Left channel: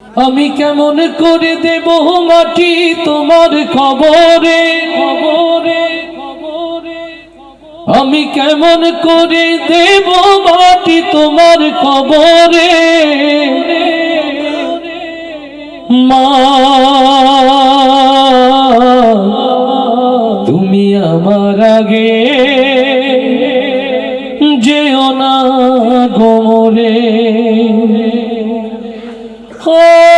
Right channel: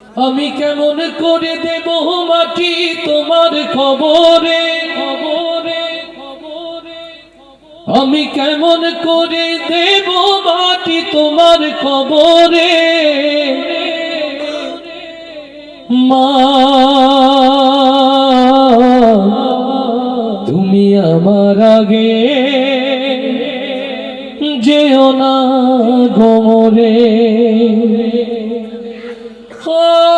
আমি কেমন করে দেব মাটি তোমার খবরে? খবরে খবরে আমি কেমন করে দেব মাটি তোমার খবরে? মা তুমি আমার আগে যেও না গোমরে। প্রিয়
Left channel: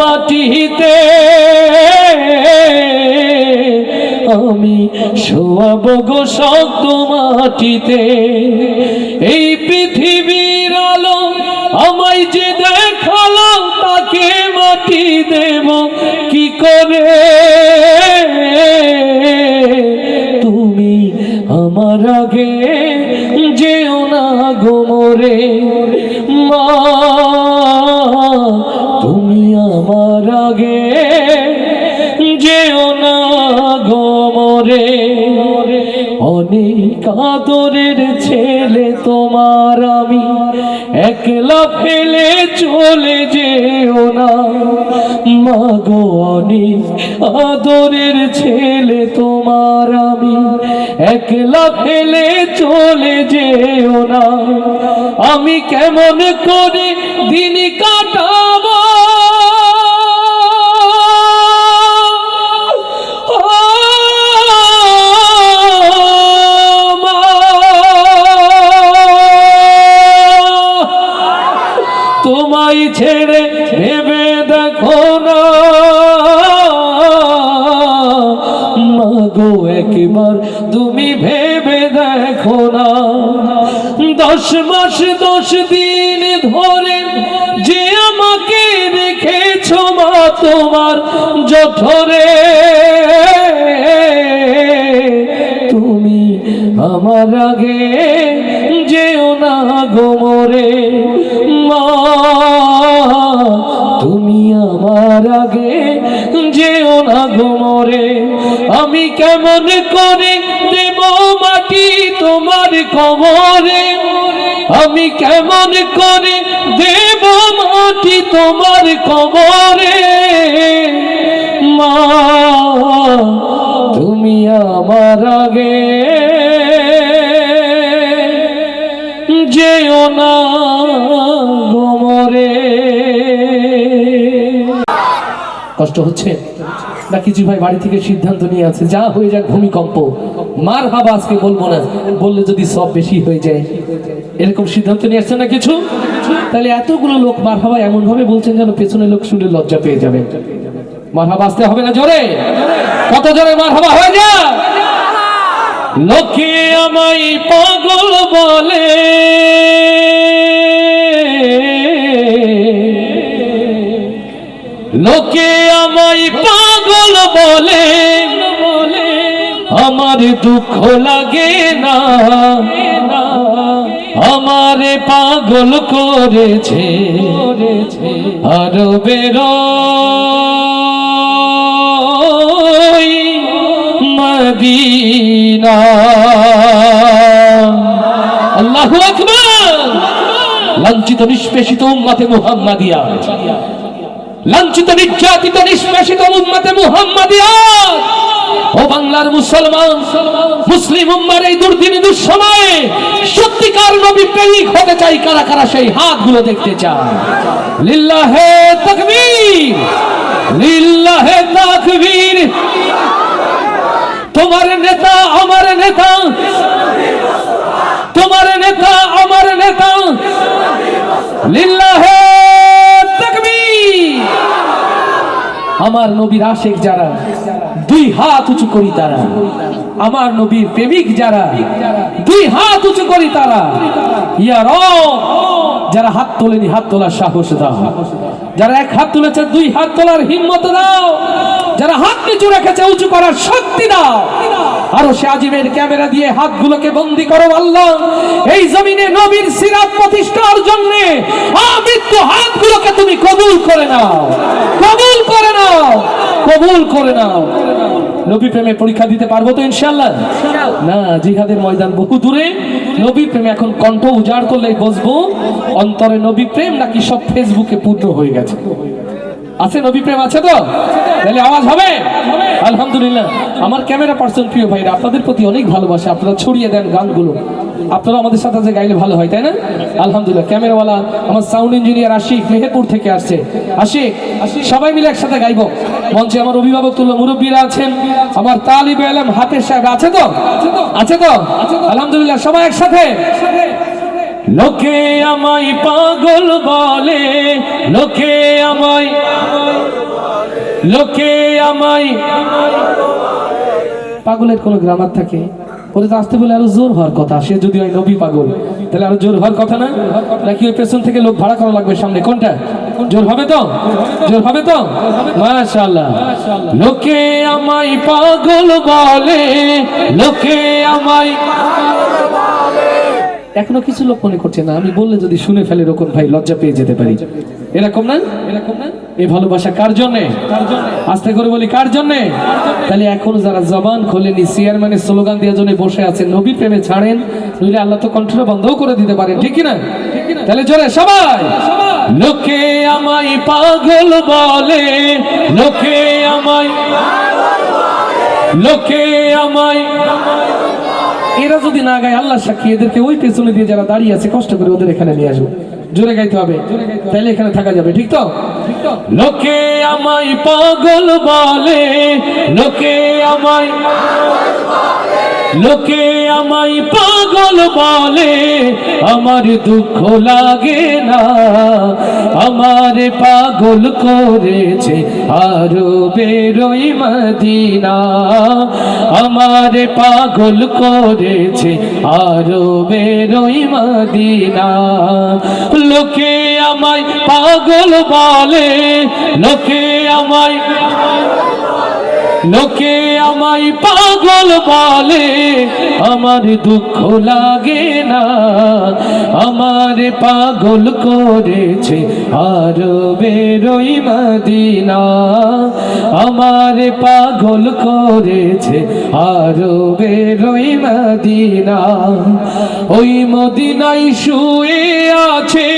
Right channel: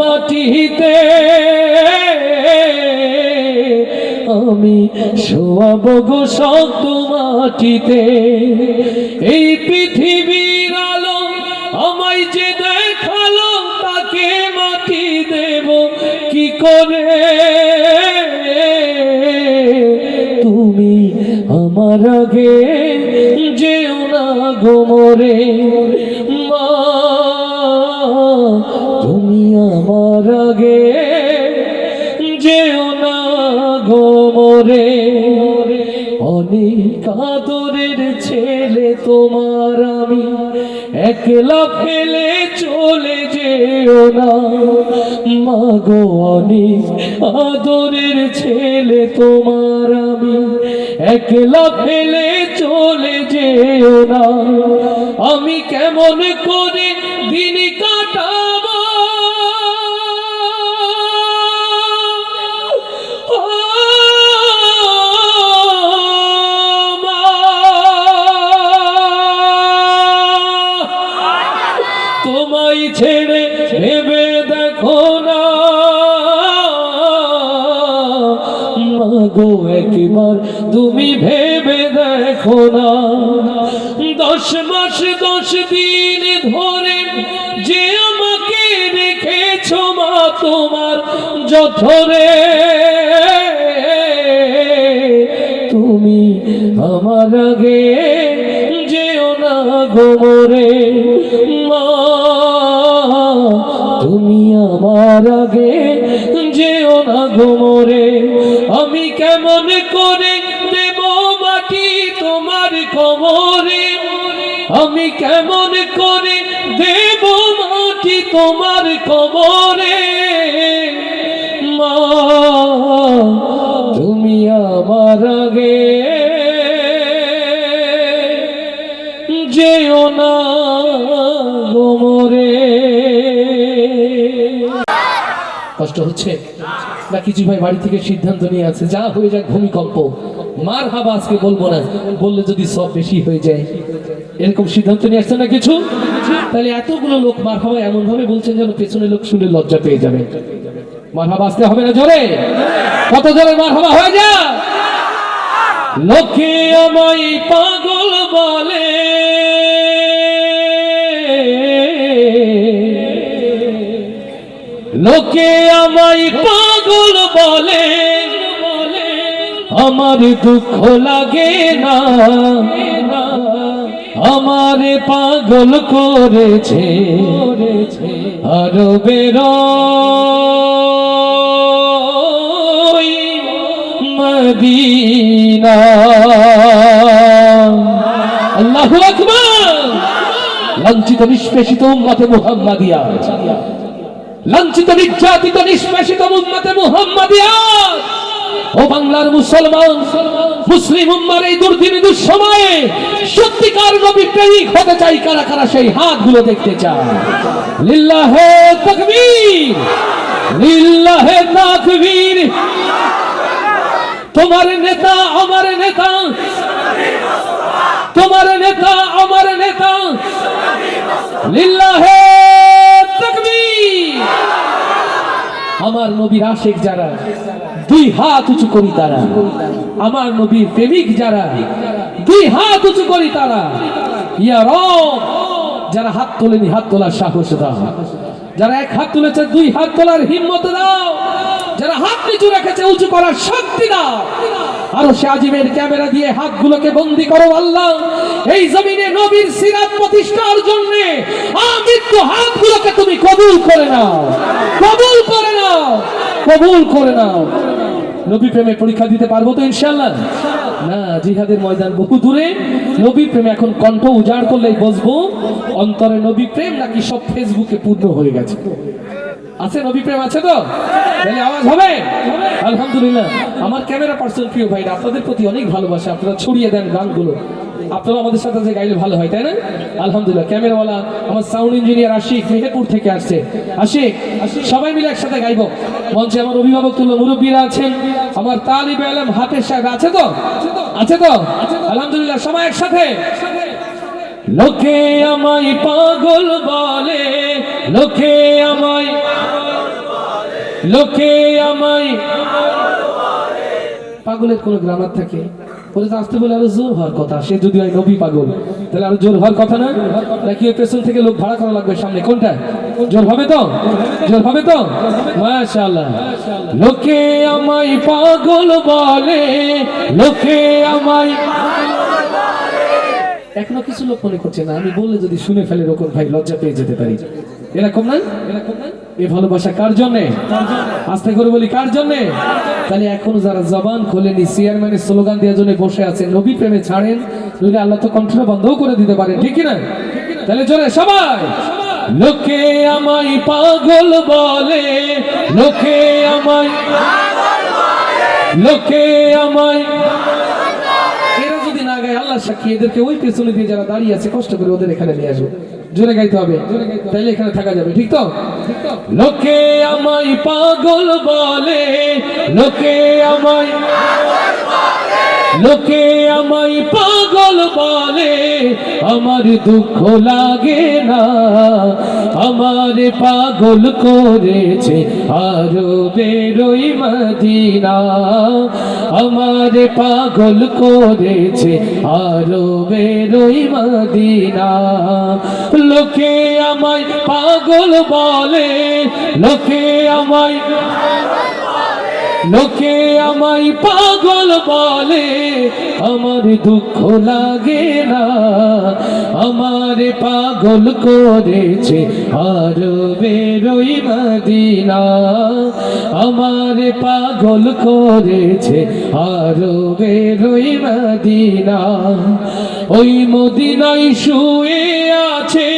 মাটিতে, আমি শোয়াব গো শক্ত মাটিতে। এই পৃথিবীর আলো আমায় যে দেখাল তাকে মাটি দেব কি করে? তুমি আমার আগে যেও না গোমরে মা অনেক আদরের ছেলে তোমার আমি। একলা ফেলে চলে যেও না। মাগো অনেক আদরের ছেলে তোমার আমি। একলা ফেলে চলে যেও না। আমি কেমন করে দিন কাটাবো? তোমায় ছেড়ে ভেবে দেখো না। মাগো, একবার তুমি ভেবে দেখো না। দশ মাস, দশ দিন ধরে যে আমাকে রেখেছ মা, তোমার জঠরে। তুমি আমার আগে যেও না গোমরে না গোমরে আমি কেমন করে দেব মাটি তোমার কবরে? আমি কেমন করে দেব মাটি তোমার কবরে? মা, তুমি আমার আগে যেও না কষ্ট হচ্ছে? না কিছু ভাই বাড়ি থেকে সিদ্ধান্ত নিয়ে আছে, যা হয়ে যাক ভূমিকম্প। মার হাবা আজকে বলব না, বললে যদি সব বেশি হয়ে যায়। এরকম সিদ্ধান্ত নিয়ে আসছে না কিছু? তাহলে এতগুলো লোক মার হাবা এমন ভাবে বলছেন যেন পেছনে লোক শুনে লজ্জা পেয়ে যাবে। মার হাবা আসতে হবে না জোরে? কত জোরে মার হাবা হয়ে যা লোকে আমায় পাগল বলে। লোকে আমায় পাগল বলে, আমার দুঃখ লাগে না। আমারে পাগল করেছে আরও বেরো আল্লাহু লাঞ্ছিত নিষ্পেষিত উম্মতে মুহাম্মাদিয়া। লাঞ্ছিত, নির্যাতিত, নিষ্পেষিত উম্মতে মুহাম্মাদিয়া। ও বাংলার মুসলমান, মুসলিম উম্মার এই দুর্দিন দুঃসময়ে সত্যিকার নবী প্রেমিক হতে চাই কারা কারা সেই হাতগুলো দেখতে চায় লিল্লাহে তাকবীর লিল্লাহে তাকবীর। তোমার নেতা, আমার নেতা, তোমার নেতা, আমার নেতা। লিল্লাহে তাকবীর আমার নবীর আশেক যারা, দুই হাত উঁচু করি তারা। আমার নবীর প্রেমিক যারা, দুই হাত উঁচু করি তারা। ইয়ার যারা হাত তোলেনি, হাত তোলার সাহস দাও। যারা এক হাত তুলেছে, দুই হাত তোলার হিম্মত দাও। যারা হাত নিচু রেখেছে, উঁচু করার শক্তি দাও। আরও সে আজিমের ক্যামেরা দিয়ে হাতগুলোকে বন্দি করো আল্লাহ। এই জমিনে নবীর সিরাত প্রতিষ্ঠার জন্য আমৃত্যু হাতগুলোকে তুমি কবুল করে নাও। কবুল করে নাও। কবুল করে নাও। নবী প্রেমে পরীক্ষা দিতে পারব তো ইনশাল্লাহ না জিহাদের ময়দান বহু দূরে। নবী প্রেমে এখন কণ্ঠ উজাড় করলেই বসবো। অন্তরে নবী প্রেম নাকি সব ফেসবুকে পূর্ণ হয়ে গেছে? আছে নবী প্রেম আছে তো? তাহলে আওয়াজ হবে? আলহামদুলিল্লাহ। আমার ক্যামেরা পার্সন প্রিয় ভাইরা, আপনাদের প্রতি অনেক ভালোবাসা। আপনারা ছড়িয়ে দেন গানগুলো। আপনারা আমাদের সাথে যে গাইলে ভালো হয়, তাই না? আলহামদুলিল্লাহ। ক্যামেরাওয়ালা, আমার সাউন্ড ইঞ্জিনিয়ার আশিক মেহেরপুর থেকে আসছে। আশিক, সবাই মিলে একসাথে গাইবো। মঞ্চে আমার অভিভাবক তুল্য মুরব্বীরা আছেন। আমার তালিব আলম হাতের সাহেব আছে তো? আছে তো? আলহামদুলিল্লাহ, সবাই একসাথে। লোকে আমায় পাগল বলে, লোকে আমায় লোকে আমায় পাগলের কোনো গ্রামার থাকে? তো আসতে বলে আরও জোর হওয়ার কথা, সে যদি হয় নবী পাগল, তাহলে আরও জোর হওয়ার কথা না? নাকি ওই পেছন থেকে লোক ভাড়া করা লাগবে সামনে? কোনটা? জোর হবে তো? জোর হবে তো? মাশাআল্লাহ। লোকে আমায় পাগল বলে, লোকে আমায় এখনও কিছু লোক মনে করছে না। আমি বললে যদি শুনে ফেলে রকম ভাই, লজ্জা পেয়ে যেতে পারি। এরকম না? এরকম না এই ভালোবাসা কার জন্যে? আস্তে করে বলি, কার জন্যে? তাহলে এখন যারা জবান খোলেনি, চেয়ারম্যানের স্লোগান দেওয়ার জন্য বসে আছে নবী প্রেমে ছাড়েন, নইলে আল্লাহ তো কণ্ঠটা বন্ধও করে দিতে পারেন, ঠিক না? তাহলে জোরে, সবাই! লোকে আমায় পাগল বলে, লোকে আমায় লোকে আমায় এরা যদি না গায় আল্লাহ সাক্ষী এদেরকে ওই পেছনে দিয়ে যারা দাঁড়িয়ে আছে, কষ্ট করে ওদের এখানে নিয়ে আসব। জোরে গাইতে হবে। তাইলে এখানে থাকা যাবে, ঠিক তো? লোকে আমায় পাগল বলে, লোকে আমায় লোকে আমায় পাগল বলে, আমার দুঃখ লাগে না। আমার পাগল করেছে আরও বেরোই মদিনা। আমার পাগল করেছে আরও বেরোই মদিনা। লোকে আমায় পাগল বলে, লোকে আমায় লোকে আমায় পাগল বলে, আমার দুঃখ লাগে না। আমার পাগল করেছে আরও বেরোই মদিনা। আমার পাগল করেছে আরও বেরোই মদিনা। ওই মদিনাই শুয়ে আছে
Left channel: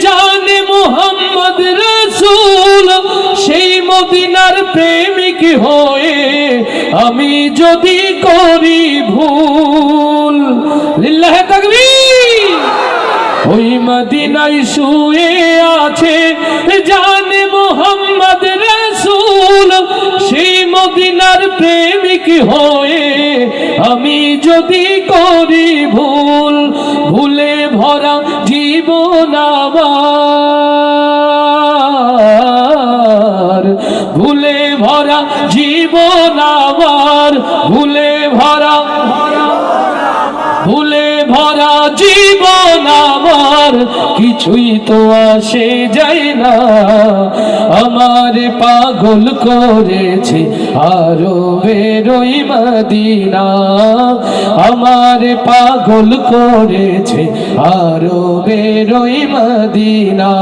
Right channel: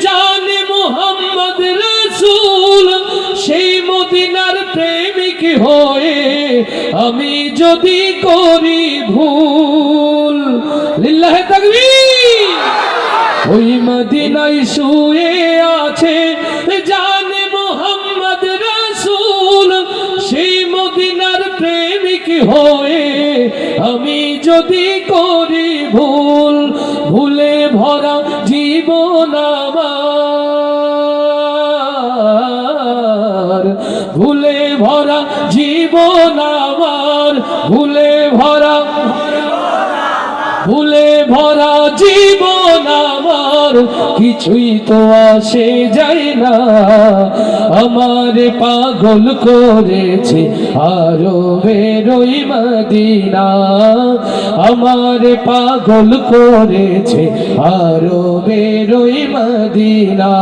জানে মোহাম্মদ রসুল, সেই মদিনার প্রেমিক হয়ে আমি যদি করি ভুল, লিল্লাহে তাকবীর। ওই মদিনায় শুয়ে আছে জানে মোহাম্মদ রসুল, সেই মদিনার প্রেমিক হয়ে আমি যদি ভরা জীবন আমার ভুলে আমার কিছুই তো আসে যায় না। আমার পাগল করেছে আরও বেরোই মদিনা। আমার পাগল করেছে আরও বেরোই মদিনা।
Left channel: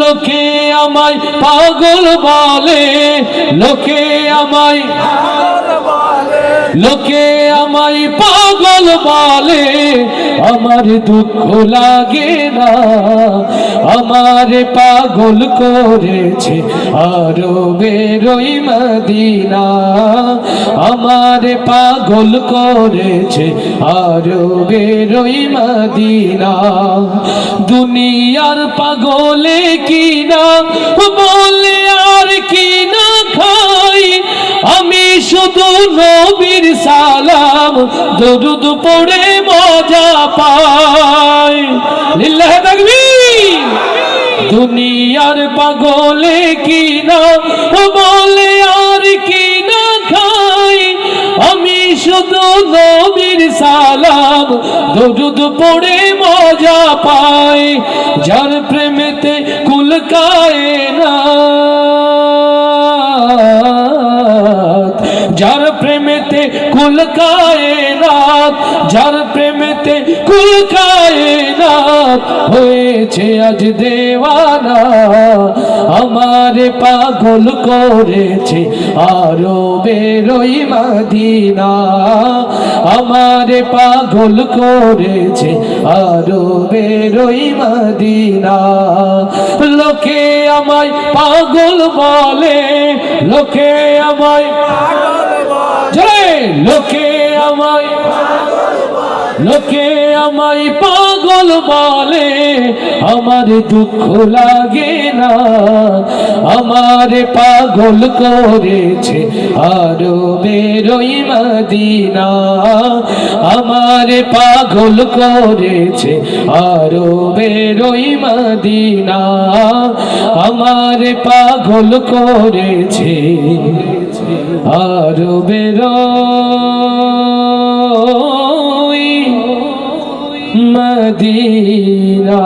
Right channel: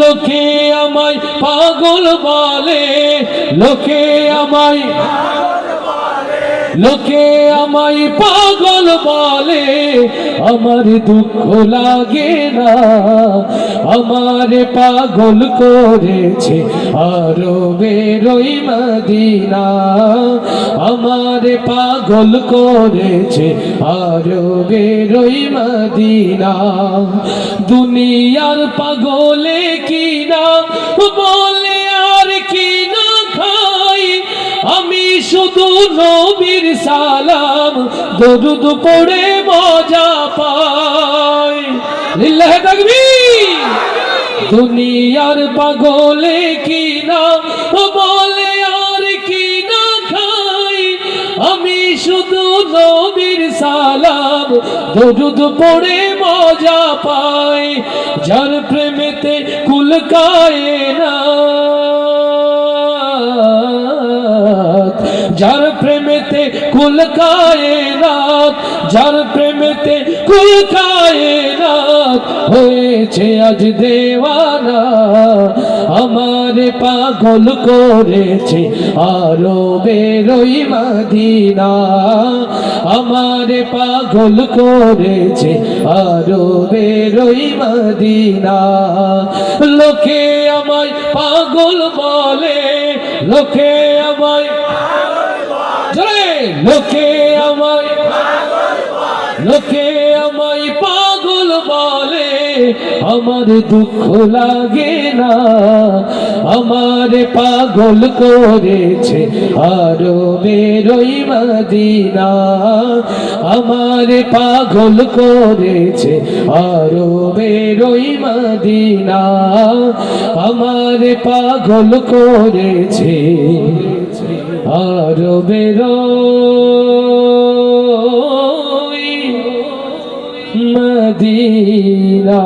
লোকে আমায় পাগল বলে, লোকে আমায় লোকে আমায় পাগল বলে, আমার দুঃখ লাগে না। আমার পাগল করেছে আরও বেরোই মদিনা। আমার পাগল করেছে আরও বেরোই মদিনা। দুনিয়ার পাগলে কিনা বলে আর আমি শুধু নবীর সালাম, দরুদ পড়ে মজা পাই লিল্লাহ তাকবীর! দুনিয়ার পাগলে কি না বলে আর কি না খাই আমি শুধু নবীর সালাম, দরুদ পড়ে মজা পাই যার প্রেমেতে কুল কায়ে না কুল কায়নাত, যার প্রেমেতে কুল কায়নাত হয়েছে আজ দেওয়ানা, আমার পাগল করেছে আরও বেরোই মদিনা, আমার পাগল করেছে আরও বেরোই মদিনা। লোকে আমায় পাগল বলে, লোকে আমায় লোকে আমায় লোকে আমায় পাগল বলে, আমার দুঃখ লাগে না। আমার পাগল করেছে আরও বেরোই মদিনা। আমার পাগল করেছে আরও বেরোই মদিনা। আমার পাগল করেছে আরও বেরোই মদিনা।